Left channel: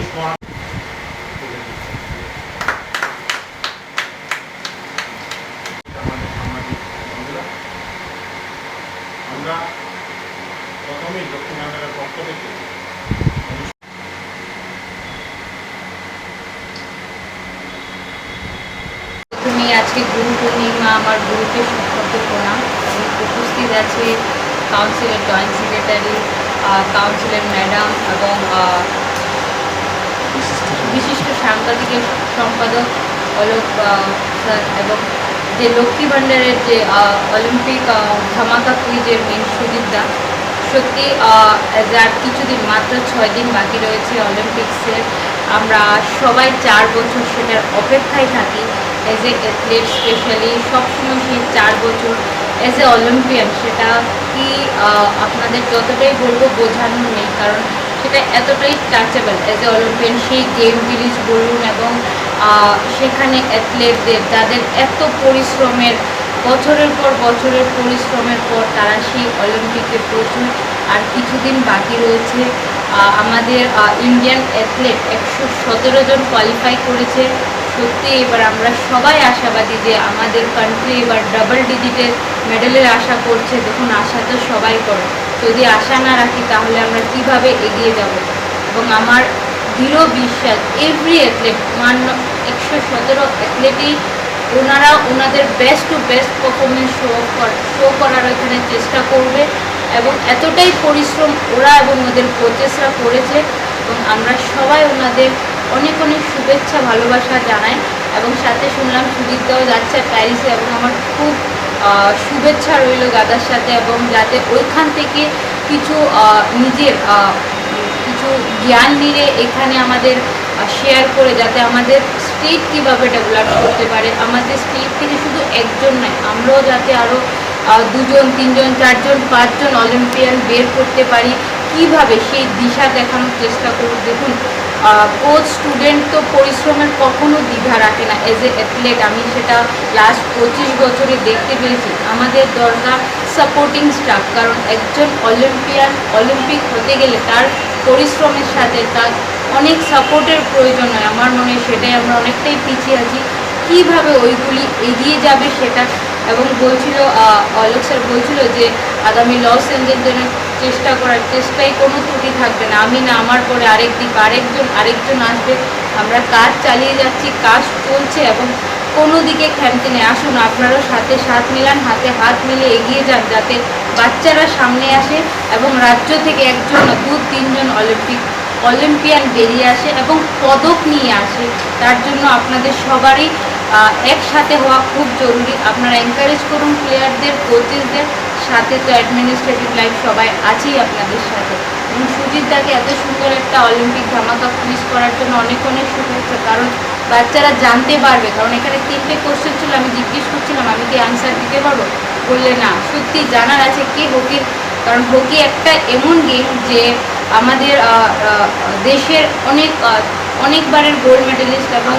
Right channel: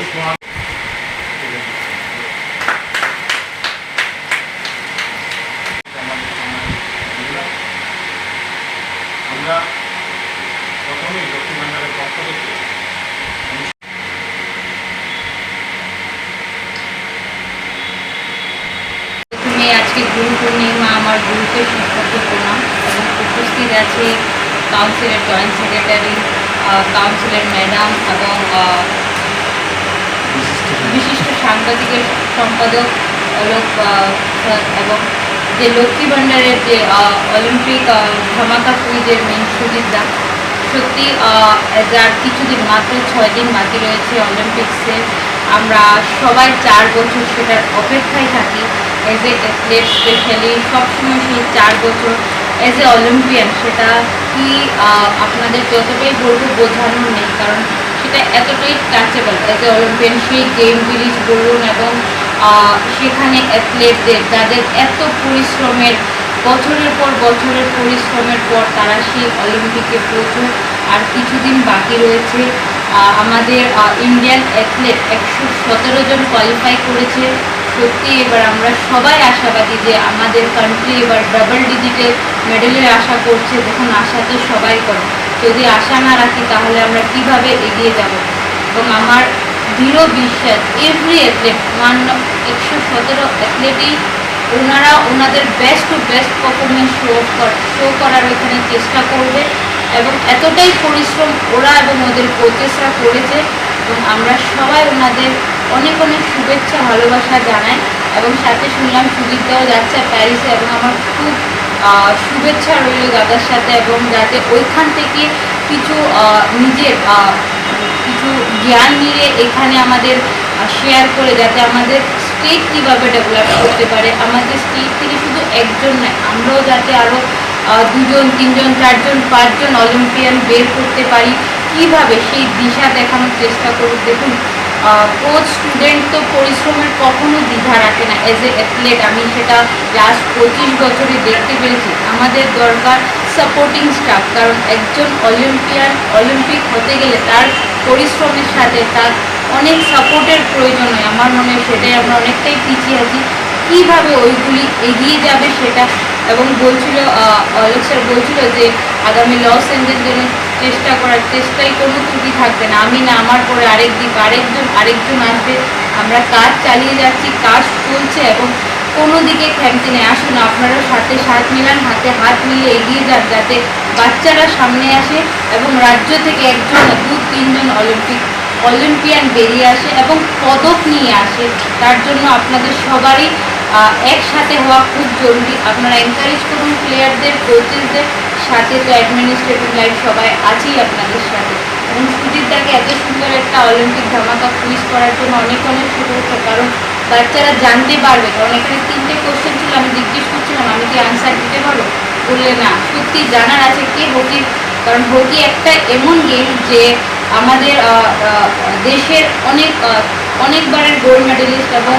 আমরা প্রথমেই দক্ষিণ বাংলার পক্ষ থেকে আজকে গুরু পূর্ণিমা, আমার গুরুকে সশব্দ প্রণাম এবং উপস্থিত আছে কাউন্সিলের জয়েন্ট সেক্রেটারি, কাউন্সিলের ম্যাডাম এবং বিশিষ্ট সাংবাদিকের সম্পাদক অলোক স্যার এবং যে লক্ষ্মী ভাণ্ডারের যে অলিম্পিক ধামাকা কুইজের মেন সুজিতদা। সত্যি আর কিছুদিন, মাত্র 6 দিন বাকি রয়েছে অলিম্পিক্সের। আমরা সবাই 4 বছর সেটার অপেক্ষায় থাকি। এজ এ অ্যাথলেট স্পেশালি সবসময় সেই 4 বছর এজ এ অলিম্পিয়ান, সেটা কি আপনাদের যতটাই বলবো বোঝানোর নেই, কারণ সেটা এতটাই টাচেবল। এজ এ অলিম্পিয়ান সেই গেম ভিলেজ বলুন এবং সেখানে অ্যাথলেটদের যাদের এত পরিশ্রমের, বছরের পর বছরের পরিশ্রমের পর তারা সেই অলিম্পিকে পৌঁছন। আর কিছুদিন বাকি রয়েছে। আমাদের ইন্ডিয়ান অ্যাথলেট 117 জন কোয়ালিফাই করেছে। সত্যি এবার আমরা সবাই আশাবাদী যে আমাদের কান্ট্রি এবার ডাবল ডিজিটে মেডেলের আশা করছে। দেখুন, আশা তো সবাই করে, যদি আশা না রাখি তাহলে আমরা কিভাবে এগিয়ে যাব। এবং আমার দৃঢ় বিশ্বাস এভরি অ্যাথলেট, 117 অ্যাথলেটই ওনারা ওনাদের best to best performance show করার এখানে চেষ্টা করবে। এবং এতটাই পরিশ্রম ওরা এবং ওদের কোচেসরা করেছে এবং আমরা সবাই ওনাদের অনেক অনেক শুভেচ্ছা ভালোবাসা জানাই। এবং সাথে শুনলাম সুজিতদাও যাচ্ছে প্যারিসে, এবং আমার খুব শুভেচ্ছা রইল দাদার সাথে। এবং যাতে ওইখান থেকে কিছু নিজের কিছু জ্ঞান নিয়ে এখানে আমাদের শেয়ার করে, যাতে আমাদের স্টেট কীভাবে ডেভেলপ করতে পারে, আমাদের স্টেট থেকে শুধু একজন নয়, আমরাও যাতে আরও 2 জন 3 জন 4 জন 5 জন অলিম্পিয়ান বের করতে পারি, কিভাবে সেই দিশা দেখানোর চেষ্টা করি। দেখুন, কোচ স্টুডেন্ট তো পরিশ্রমের কখনো দ্বিধা রাখে না। এজ এ অ্যাথলেট আমি সেটা লাস্ট 25 বছরে দেখতে পেরেছি। আমাদের দরকার সাপোর্টিং স্টাফ, কারণ একজন অলিম্পিয়ান অলিম্পিক হতে গেলে তার পরিশ্রমের সাথে তার অনেক সাপোর্টের প্রয়োজন হয়। আমার মনে হয় সেটাই আমরা অনেকটাই পিছিয়ে আছি। কীভাবে ওইগুলি এগিয়ে যাবে সেটা। এবং বলছিল অলোক স্যার বলছিল যে আগামী লস এঞ্জেলস যেন চেষ্টা করার চেষ্টায় কোনো ত্রুটি থাকবে না। আমি না, আমার পরে আরেকজন আসবে। আমরা কাজ চালিয়ে যাচ্ছি, কাজ চলছে এবং কোনো দিকে খেমতে নেই। আসুন আপনারা সাথে সাথ মিলান, হাতে হাত মিলিয়ে এগিয়ে যান, যাতে বাচ্চারা সামনে আসে এবং রাজ্য থেকে 1 জন না 2-3 জন অলিম্পিয়ান বেরিয়ে আসে এবং পদক নিয়ে আসে। তার জন্য আপনাদের সবারই একসাথে হওয়া খুব জরুরি। আপনারা এনকারেজ করুন প্লেয়ারদের, কোচেসদের, সাথে তো অ্যাডমিনিস্ট্রেটিভ লাইফ সবাই আছেই আপনাদের সাথে। এবং সুজিতদাকে এত সুন্দর একটা অলিম্পিক ধামাকা কুইজ করার জন্য অনেক অনেক শুভেচ্ছা, কারণ বাচ্চারা জানতে পারবে। কারণ এখানে 3টে কোশ্চেন ছিল, আমি জিজ্ঞেস করছিলাম আমি কি আনসার দিতে পারবো, বললে না, সত্যি জানার আছে কি হকি। কারণ হকি একটা এমন গেম যে আমাদের দেশের অনেকবারের গোল্ড মেডেলিস্ট এবং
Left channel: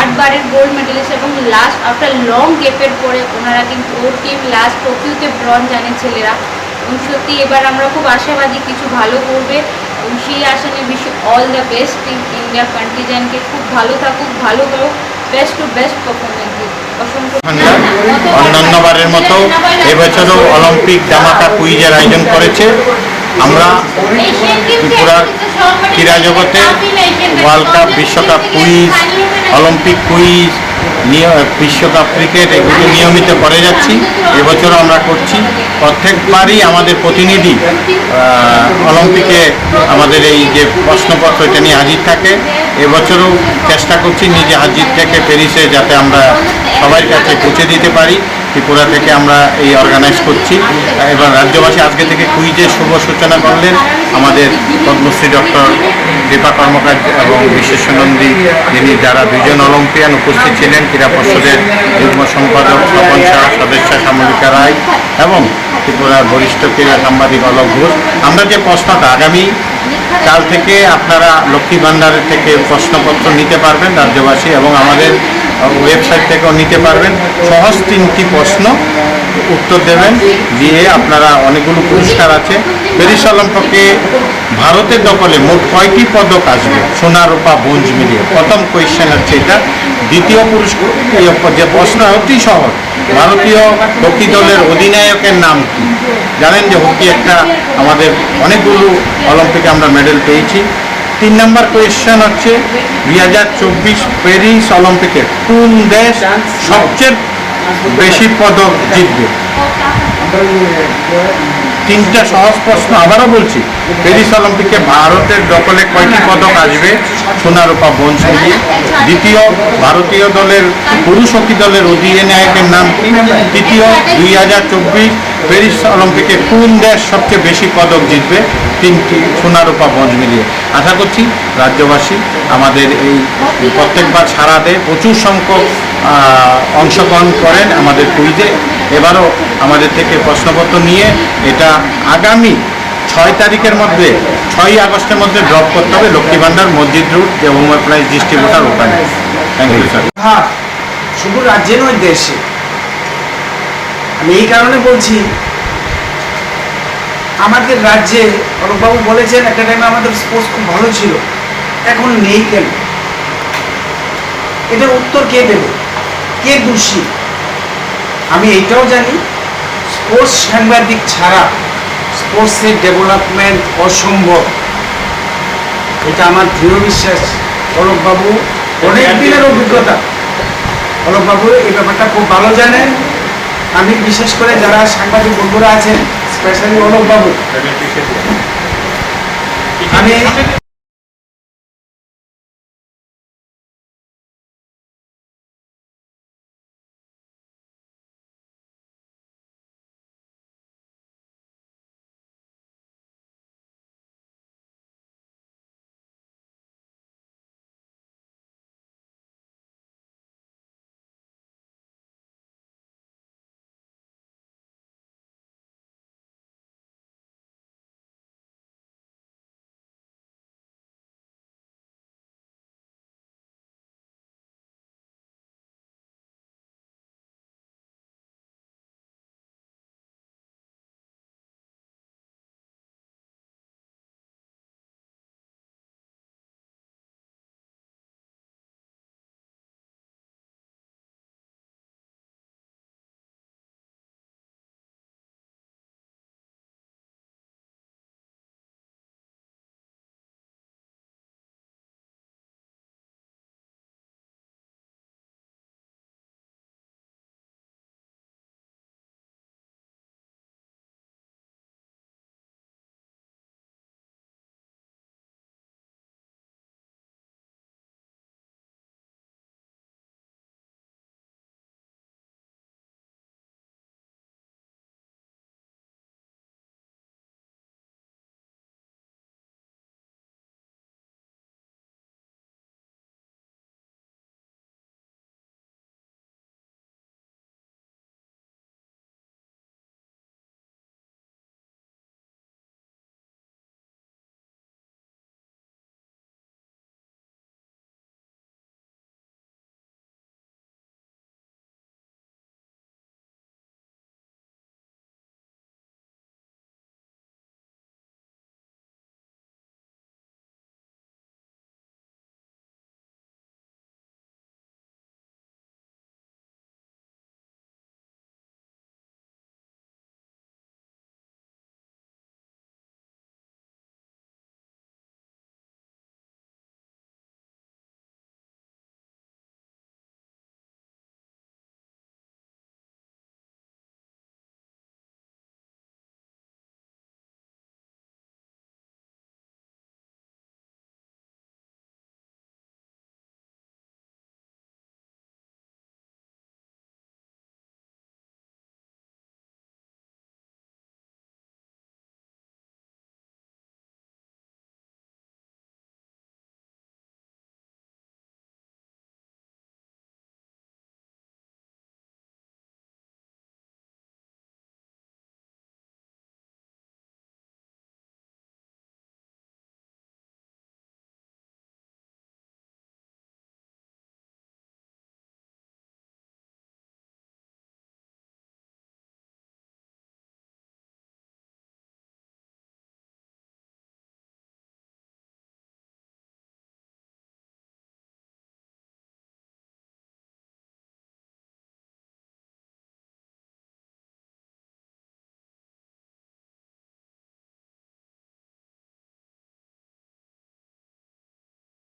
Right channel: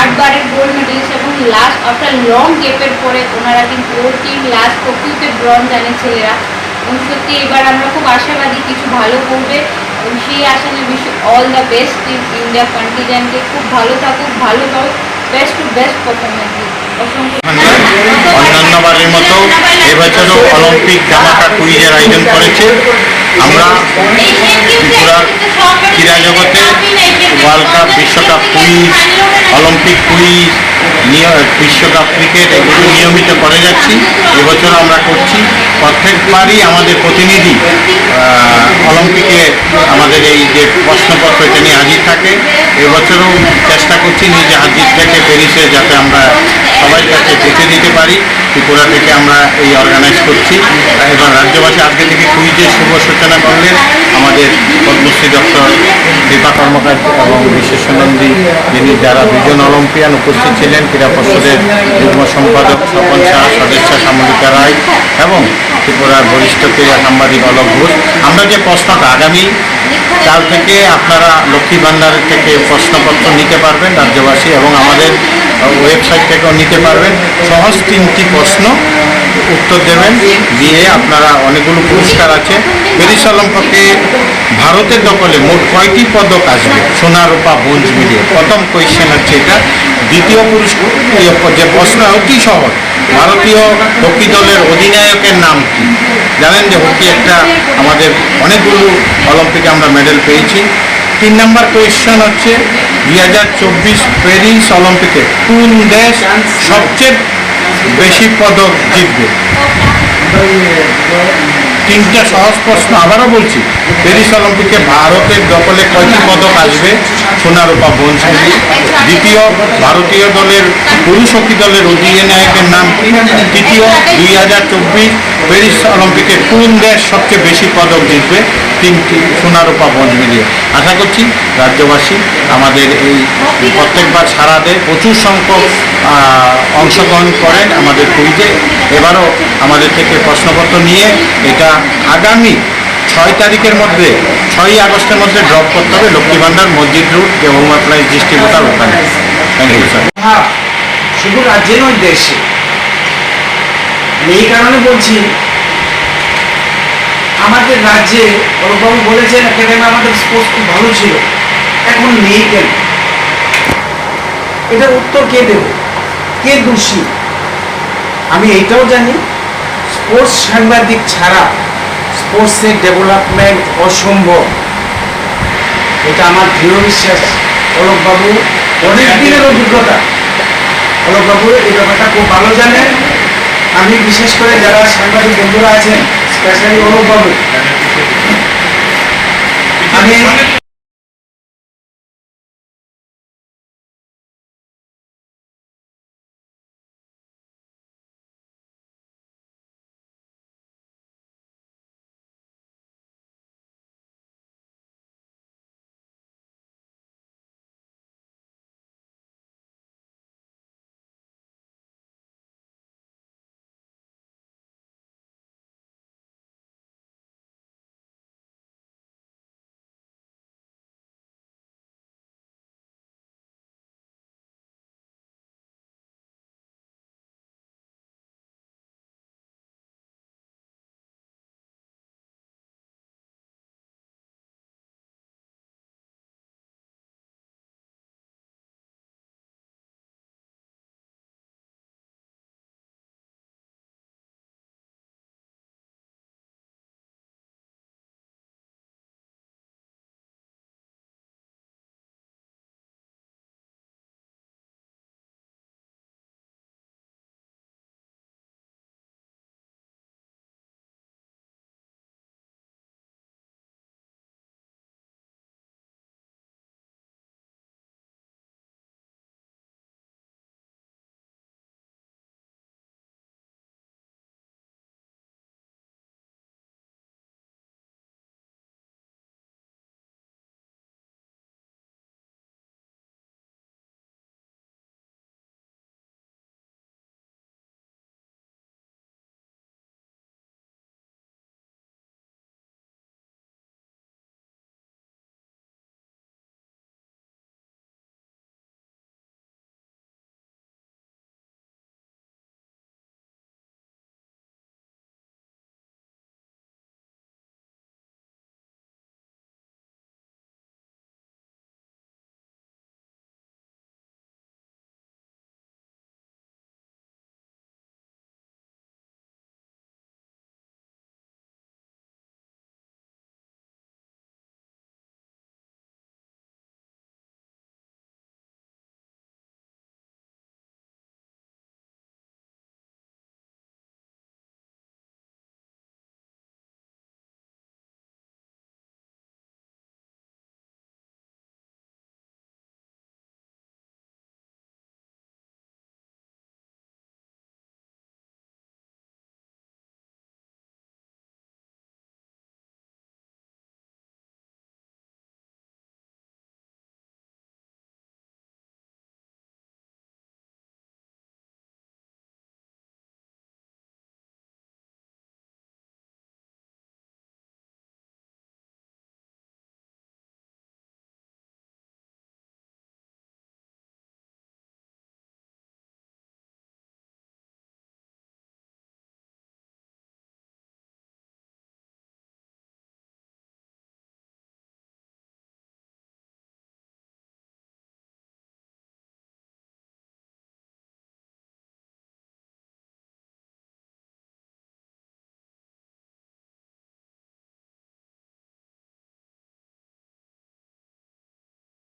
8 বারের গোল্ড মেডেলিস্ট, এবং লাস্ট আফটার লং গ্যাপের পরে ওনারা কিন্তু ওর টিম লাস্ট টোকিওতে ব্রঞ্জ আনে ছেলেরা। এবং সত্যি এবার আমরা খুব আশাবাদী কিছু ভালো করবে এবং সেই আশা নিয়ে wish all the best team India কন্টিজেন্টকে। খুব ভালো থাকুক, ভালো করুক, বেস্ট টু বেস্ট পারফরমেন্স দিন। অন্যান্যবারের মতো এবছরও অলিম্পিক ধামাকা কুইজের আয়োজন করেছে। আমরা ত্রিপুরার ক্রীড়া জগতে ওয়ার্ল্ড কাপ, বিশ্বকাপ কুইজ, অলিম্পিক কুইজ, বিশ্বকাপ ক্রিকেট এগুলো নিয়মিত করে যাচ্ছি। এবছরও আমরা করছি। প্রত্যেকবারই আমাদের প্রতিনিধি অলিম্পিকে আমাদের এই যে প্রশ্নপত্র এটা নিয়ে হাজির থাকে। এবছরও চেষ্টা করছি নিজে হাজির থেকে প্যারিসে, যাতে আমরা সবার কাছে পৌঁছে দিতে পারি। ত্রিপুরা থেকে আমরা এই অর্গানাইজ করছি। এবার রাজ্যবাসী আজকে থেকে কুইজের শুভ সূচনা করলেন আমাদের পদ্মশ্রী ডক্টর দীপা কর্মকার এবং বিশ্বেশ্বনন্দী, যারা 2 জন অলিম্পিয়ান উপস্থিত ছিলেন, ক্রীড়া পর্ষদের যুগ্ম সম্পাদক স্বপন শাহ, সদস্যা সামরিকা রায় এবং ত্রিপুরার বরিষ্ঠ ক্রীড়া সাংবাদিক অলোক ঘোষ। আমরা যে প্রশ্নটা আগামী কাল থেকে আপনারা লক্ষ্মী ভাণ্ডারের থেকে প্রশ্নপত্র নিতে পারবেন রাজ্যবাসী, এবং আমাদের ওয়েবসাইট থেকেও নিতে পারবেন। সহজ 3টি প্রশ্ন, উত্তর দেবেন, দিয়ে আপনারা অনেকগুলো পুরস্কার আছে। প্যারিস অলিম্পিকে ভারতের দখলে মোট কয়টি পদক আসবে, সোনা রূপা ব্রোঞ্জ মিলিয়ে? প্রথম কোয়েশ্চেন হচ্ছে এটা। দ্বিতীয় পুরস্কার যে প্রশ্ন অতি সহজ, ভারতীয় হকি দলের অধিনায়কের নাম কি? জানেন যে হকি একটা আমাদের অনেকগুলো অলিম্পিকে আমরা মেডেল পেয়েছি। 3 নম্বর কোয়েশ্চেন হচ্ছে 2024 প্যারিস অলিম্পিকে কোন দেশ সবচেয়ে বেশি পদক জিতবে? 3টা সহজ প্রশ্ন, আবারও বলছি। প্যারিস অলিম্পিকে ভারতের দখলে কয়টি পদক আসবে, সোনা রূপা ব্রোঞ্জ মিলিয়ে? দ্বিতীয়, ভারতীয় দলের পুরুষ হকি দলের অধিনায়কের নাম কি? তৃতীয়, 2024 প্যারিস অলিম্পিকে কোন দেশ সবচেয়ে বেশি পদক জিতবে? 3টি, সোনা রূপা ব্রোঞ্জ মিলিয়ে। আশা করছি রাজ্যবাসী আমাদের এই প্রত্যেকবার সারা দেয়, প্রচুর সংখ্যক অংশগ্রহণ করেন আমাদের কুইজে। এবারও আমাদের থেকে প্রশ্নপত্র নিয়ে এটা আগামী 6 তারিখের মধ্যে, 6ই আগস্টের মধ্যে ড্রপ করতে হবে লক্ষ্মী ভান্ডার মসজিদ রোড গেহুমা প্রাইজ ডিস্ট্রিবিউটার ওখানে। Thank you sir. হ্যাঁ, শুধু রাজ্যে নয়, দেশে। আমি এই কারণে বলছি, আমাদের রাজ্যে অরূপবাবু বলেছেন একটা টাইমে আমাদের স্পোর্টস খুব ভালো ছিল, এখন নেই কেন? এটা উত্তর কে দেবে? কে দোষী? আমি এইটাও জানি, স্পোর্টস সাংবাদিক ছাড়া স্পোর্টসের ডেভেলপমেন্ট অসম্ভব। এটা আমার দৃঢ় বিশ্বাস। অলোকবাবু অনেক দিনের অভিজ্ঞতা, অলোকবাবু এই ব্যাপারটা খুব ভালো জানেন। আমি বিশেষ করে যারা সাংবাদিক বন্ধুরা আছেন, স্পেশালি অলোকবাবু, আমি